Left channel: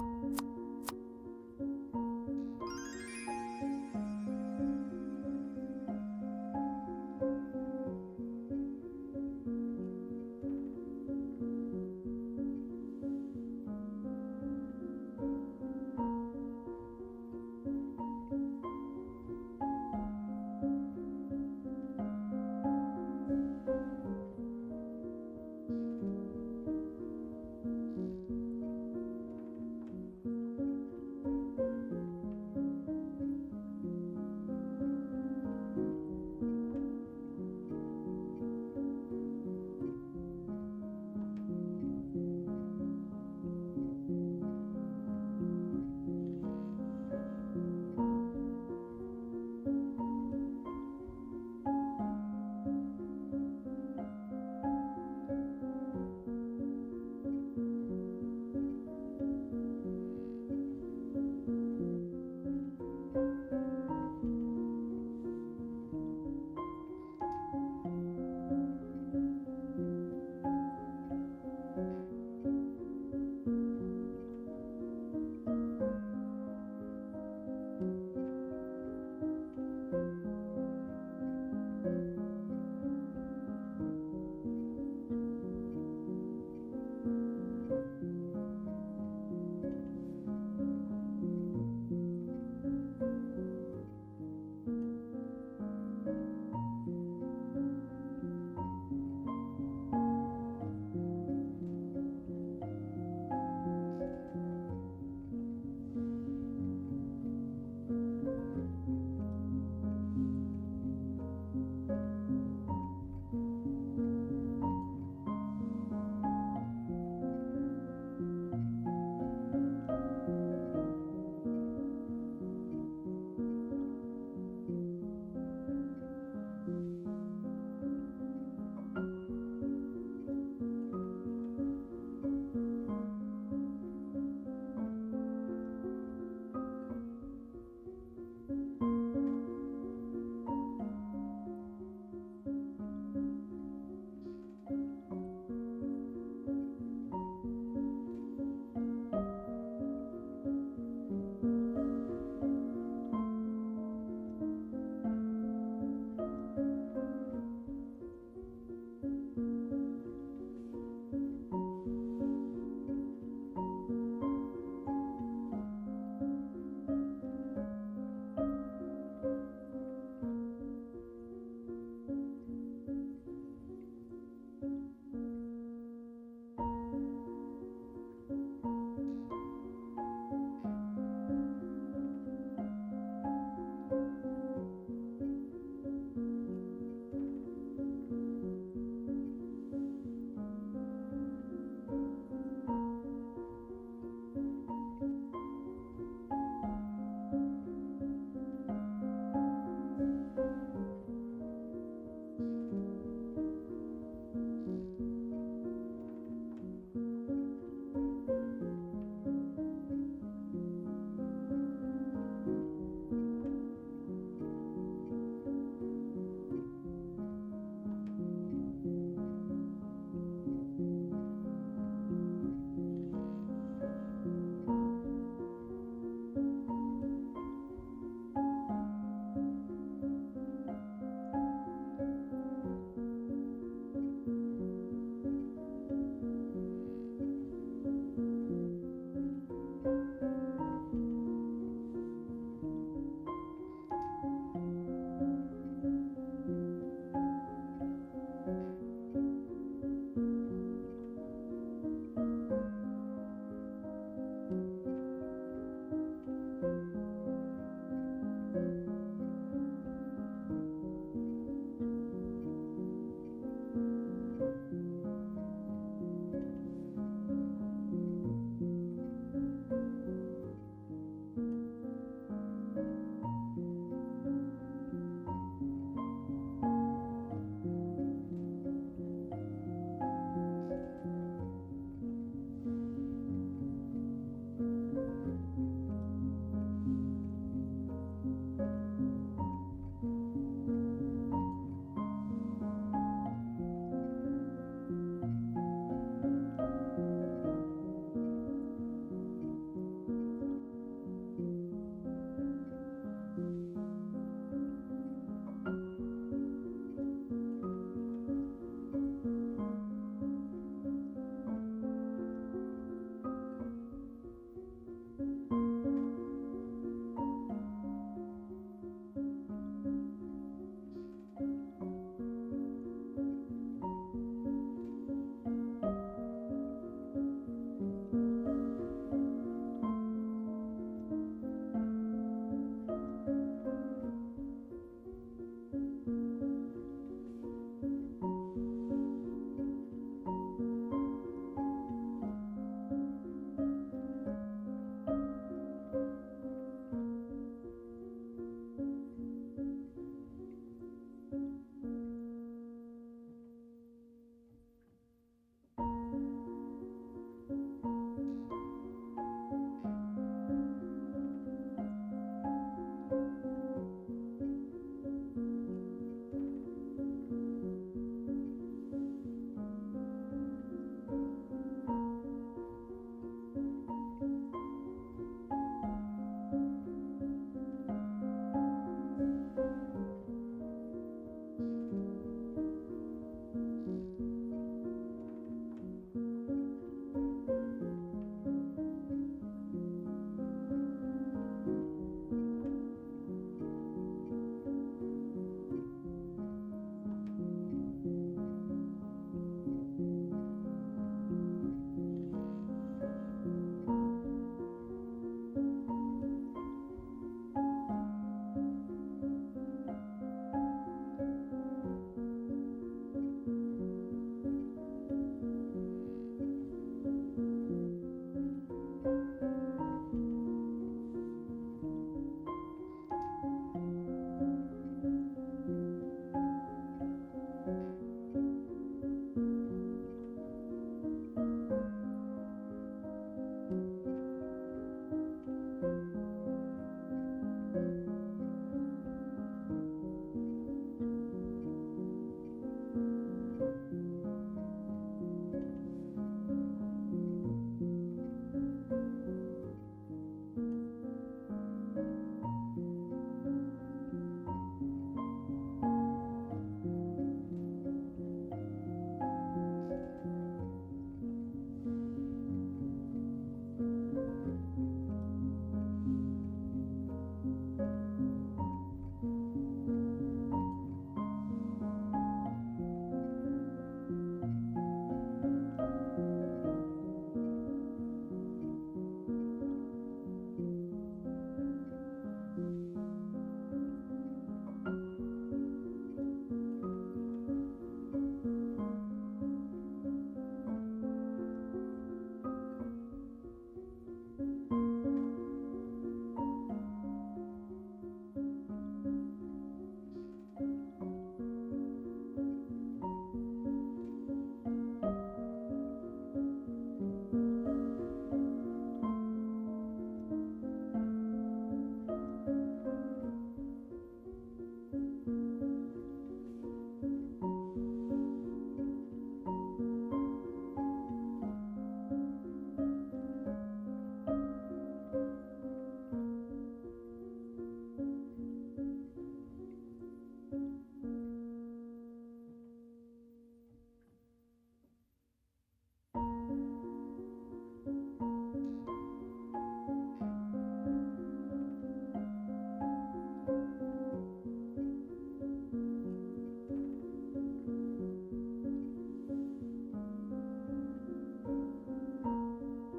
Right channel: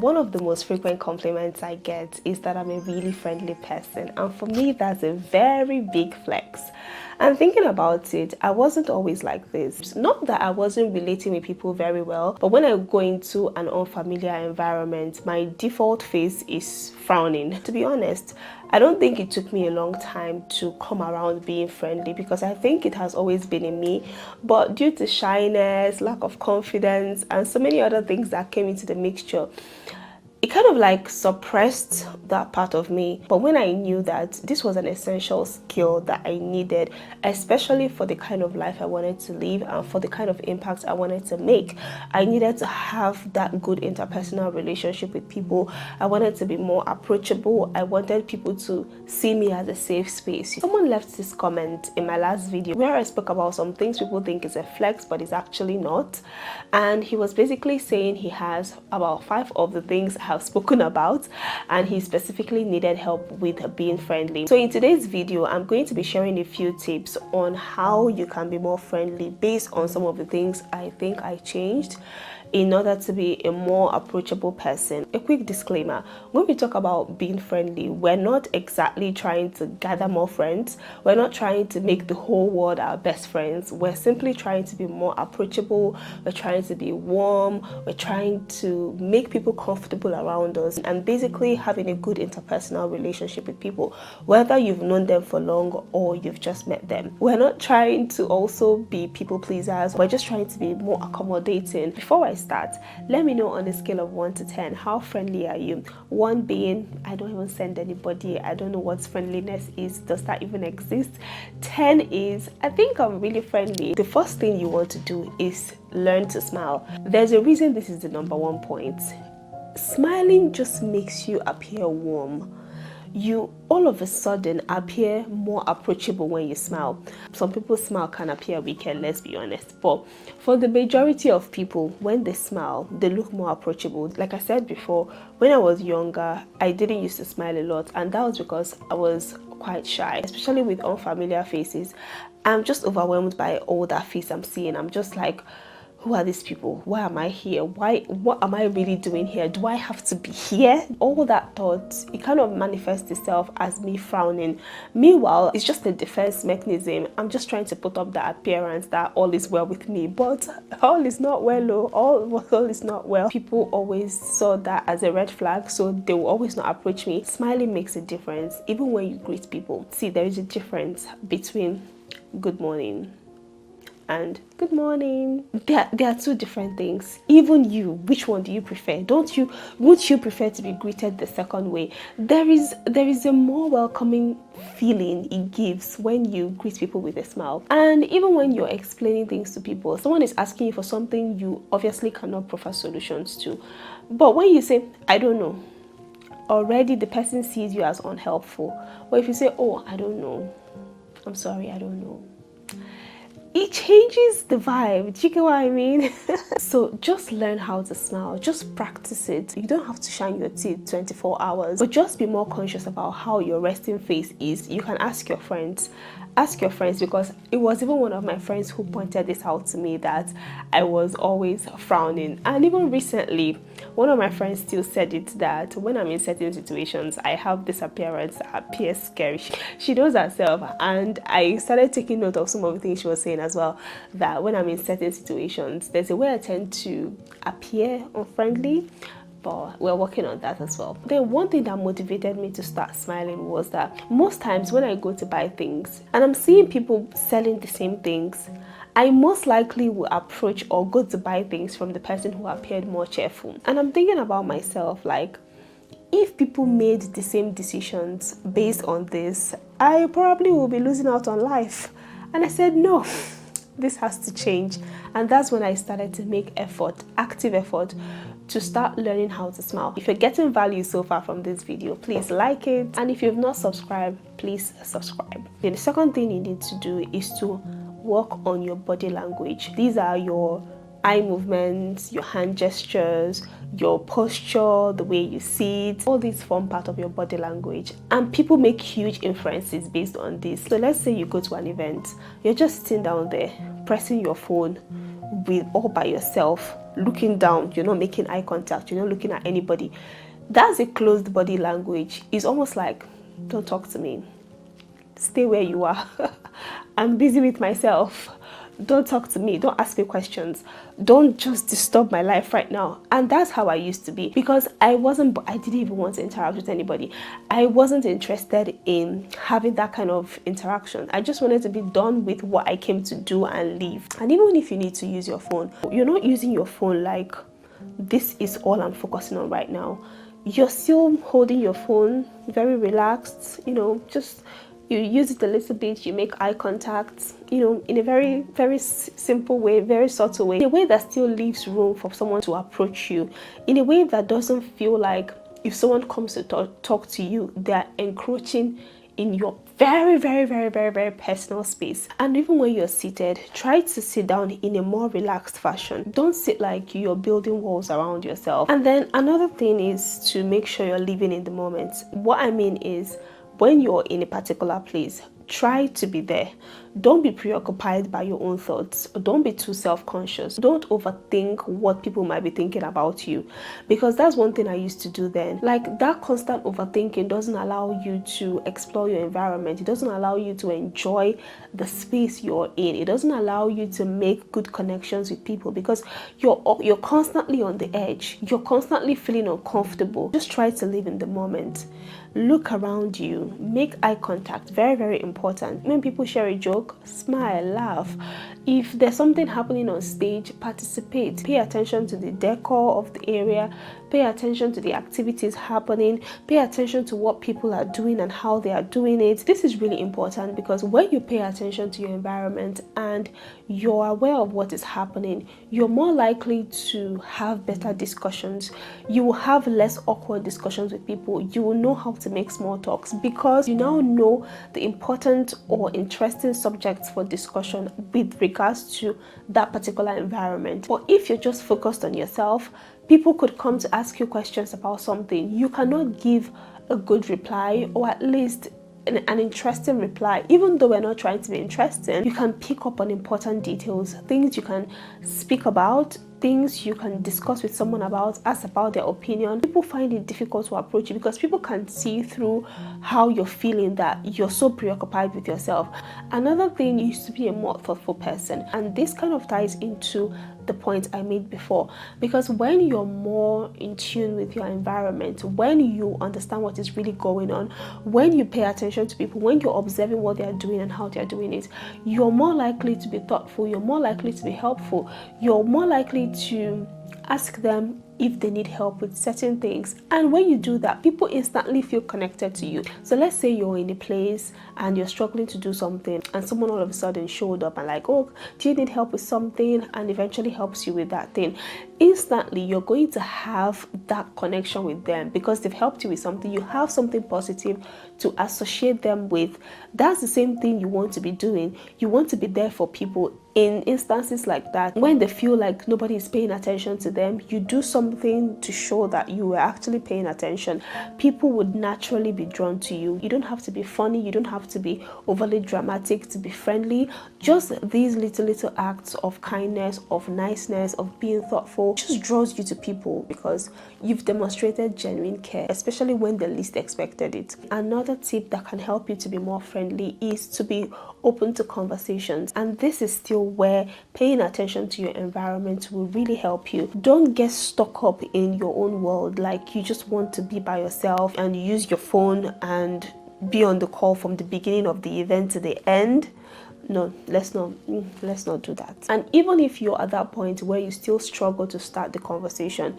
One of the most frequent compliments I get is that I'm a really friendly person, and for me that's a very big flex. And thinking about it, I wasn't always like this. Not that I wasn't relating with people very well, but when I go into an unfamiliar environment, my default face is frowning. To be honest, I don't think it took me a long time to come around being friendly, because I think it has always been in me, but due to shyness, lack of confidence, and so many other things that came into the mixture, it kind of like suppressed that part of me. But when I knew that this was an essential skill that I needed, especially for the kind of life I wanted to live and for the kind of impact I wanted to make, I needed to have that good interpersonal relationship with people. I wanted to be more approachable. I wanted people to see me as a safe space. Someone left this comment in my last video where I spoke about some things people think is a flex, but it's actually not. And he was basically saying he has about 5 of the things I have spoken about, and he specifically needed help with being friendly. So in today's video, I'm going to be sharing a few tips on how you can be more friendly based on some of the things I think I changed in order to be a more approachable person. A quick disclaimer: when we talk about being friendly, we're not exactly trying to gather more friends. We're not trying to make the whole world our best friends. We're simply trying to be more approachable. We're trying to be warm. We're trying to make people comfortable around us, and basically having a good interpersonal relationship with people, whether you've known them for long or you've just met them. We're not trying to also be people pleasers. We're just trying to be more accommodating. Before I start, let me know on a scale of 1 to 10, how friendly are you? 1 being, I don't even send anybody, I don't know what friendliness is, does that even exist? 10 is, I think I'm really friendly. The first thing you want to do is learn to smile. There's a reason this is the #1 point. Smiling just makes you appear warm. You all of a sudden appear more approachable when you smile. Some people's smile can appear wicked, let's be honest, but for the majority of people, when they smile, they look more approachable. Like I said before, when I was younger, I didn't used to smile a lot, and that was because I was quite shy, especially with unfamiliar faces. I'm just overwhelmed by all that face I'm seeing. I'm just like, who are these people? Why am I here? What am I really doing here? Do I have to be here? All that thought, it kind of manifests itself as me frowning. Meanwhile, it's just a defense mechanism. I'm just trying to put up the appearance that all is well with me, but all is not well. All is not well. People always saw that as a red flag, so they will always not approach me. Smiling makes a difference, even when you greet people. See, there is a difference between good morning and good morning. There are 2 different things. Even you, which one do you prefer? Would you prefer to be greeted the second way? There is a more welcoming feeling it gives when you greet people with a smile. And even when you're explaining things to people, someone is asking you for something you obviously cannot provide solutions to, but when you say, I don't know, already the person sees you as unhelpful. But if you say, oh, I don't know, I'm sorry, I don't know, it changes the vibe. Do you get what I mean? So just learn how to smile. Just practice it. You don't have to shine your teeth 24 hours, but just be more conscious about how your resting face is. You can ask your friends. Ask your friends, because it was even one of my friends who pointed this out to me, that I was always frowning. And even recently, one of my friends still said it, that when I'm in certain situations, I have this appearance that appears scary. She knows herself, and I started taking note of some of the things she was saying as well, that when I'm in certain situations, there's a way I tend to appear unfriendly, but we're working on that as well. Then one thing that motivated me to start smiling was that most times when I go to buy things and I'm seeing people selling the same things, I most likely will approach or go to buy things from the person who appeared more cheerful. And I'm thinking about myself, like, if people made the same decisions based on this, I probably will be losing out on life. And I said, no, this has to change. And that's when I started to make effort, active effort, to start learning how to smile. If you're getting value so far from this video, please like it. And if you've not subscribed, please subscribe. Then the second thing you need to do is to work on your body language. These are your eye movements, your hand gestures, your posture, the way you sit. All these form part of your body language, and people make huge inferences based on this. So let's say you go to an event, you're just sitting down there pressing your phone all by yourself, looking down, you're not making eye contact, you're not looking at anybody. That's a closed body language. It's almost like, don't talk to me, stay where you are. I'm busy with myself. Don't talk to me, don't ask me questions, don't just disturb my life right now. And that's how I used to be, because I didn't even want to interact with anybody. I wasn't interested in having that kind of interaction. I just wanted to be done with what I came to do and leave. And even if you need to use your phone, you're not using your phone like, this is all I'm focusing on right now. You're still holding your phone very relaxed, just you use it a little bit, you make eye contact, in a very, very simple way, very subtle way, in a way that still leaves room for someone to approach you, in a way that doesn't feel like if someone comes to talk to you, they're encroaching in your very, very, very, very, very personal space. And even when you're seated, try to sit down in a more relaxed fashion. Don't sit like you're building walls around yourself. And then another thing is to make sure you're living in the moment. What I mean is, when you're in a particular place, try to be there. Don't be preoccupied by your own thoughts. Don't be too self-conscious. Don't overthink what people might be thinking about you, because that's one thing I used to do then. Like, that constant overthinking doesn't allow you to explore your environment. It doesn't allow you to enjoy the space you're in. It doesn't allow you to make good connections with people, because you're constantly on the edge. You're constantly feeling uncomfortable. Just try to live in the moment. Look around you. Make eye contact. Very, very important. When people share a joke, smile, laugh. If there's something happening on stage, participate. Pay attention to the decor of the area. Pay attention to the activities happening. Pay attention to what people are doing and how they are doing it. This is really important, because when you pay attention to your environment and you're aware of what is happening, you're more likely to have better discussions. You will have less awkward discussions with people. You will know how to make small talks, because you now know the important or interesting subjects for discussion with regards to that particular environment. But if you're just focused on yourself, people could come to ask you questions about something. You cannot give a good reply, or at least an interesting reply. Even though we're not trying to be interesting, you can pick up on important details, things you can speak about, things you can discuss with someone about, ask about their opinion. People find it difficult to approach you, because people can see through how you're feeling, that you're so preoccupied with yourself. Another thing is to be a more thoughtful person, and this kind of ties into the point I made before, because when you're more in tune with your environment, when you understand what is really going on, when you pay attention to people, when you're observing what they're doing and how they're doing it, you're more likely to be thoughtful, you're more likely to be helpful, you're more likely to ask them if they need help with certain things. And when you do that, people instantly feel connected to you. So let's say you're in a place and you're struggling to do something, and someone all of a sudden showed up and like, oh, do you need help with something, and eventually helps you with that thing. Instantly you're going to have that connection with them, because they've helped you with something. You have something positive to associate them with. That's the same thing you want to be doing. You want to be there for people in instances like that. When they feel like nobody is paying attention to them, you do something to show that you are actually paying attention. People would naturally be drawn to you. You don't have to be funny, you don't have to be overly dramatic to be friendly. Just these little acts of kindness, of niceness, of being thoughtful just draws you to people, because you've demonstrated genuine care, especially when they least expected it. Another tip that can help you to be more friendly is to be open to conversations, and this is still where paying attention to your environment will really help you. Don't get stuck up in your own world, like you just want to be by yourself and you use your phone and be on the call from the beginning of the event to the end. No, let's not do that. And even if you're at that point where you still struggle to start the conversation,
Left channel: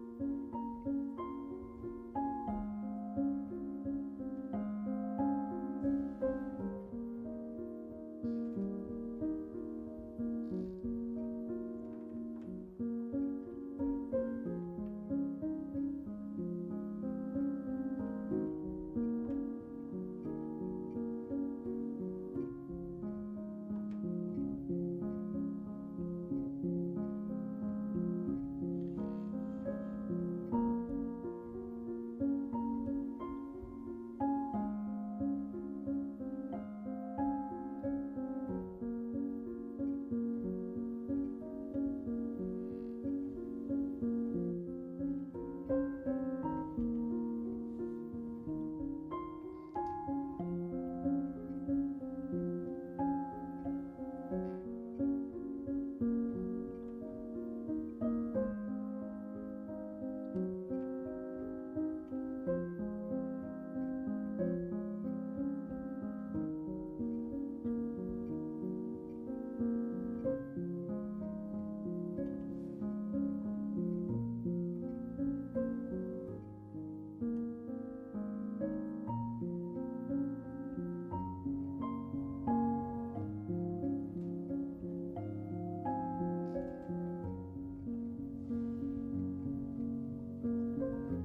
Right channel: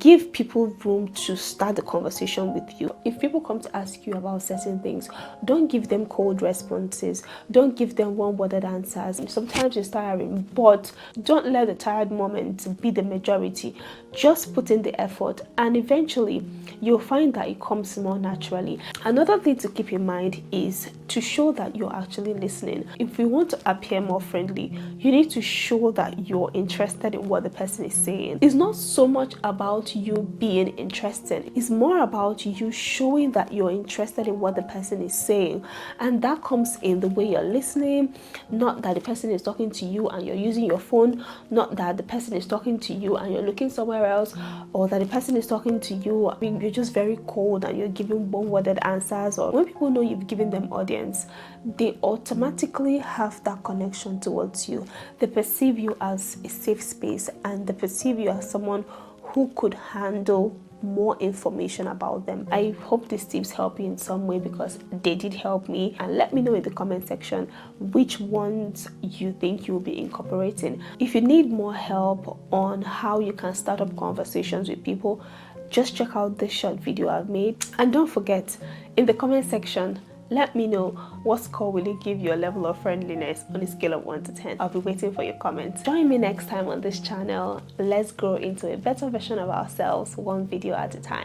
give people room to start the conversation with you. If people come to ask you about certain things, don't give them cold responses. Don't give them one-worded answers. Sometimes it's tiring, but don't let the tired moment be the majority. Just put in the effort, and eventually you'll find that it comes more naturally. Another thing to keep in mind is to show that you're actually listening. If you want to appear more friendly, you need to show that you're interested in what the person is saying. It's not so much about about you being interested. It's more about you showing that you're interested in what the person is saying, and that comes in the way you're listening, not that the person is talking to you and you're using your phone, not that the person is talking to you and you're looking somewhere else, or that the person is talking to you, you're just very cold and you're giving one-worded answers. Or when people know you've given them audience, they automatically have that connection towards you. They perceive you as a safe space, and they perceive you as someone who could handle more information about them. I hope these tips help you in some way, because they did help me. And let me know in the comment section which ones you think you'll be incorporating. If you need more help on how you can start up conversations with people, just check out this short video I've made. And don't forget, in the comment section, let me know what score will you give your level of friendliness on a scale of 1 to 10. I'll be waiting for your comments. Join me next time on this channel. Let's grow into a better version of ourselves, one video at a time.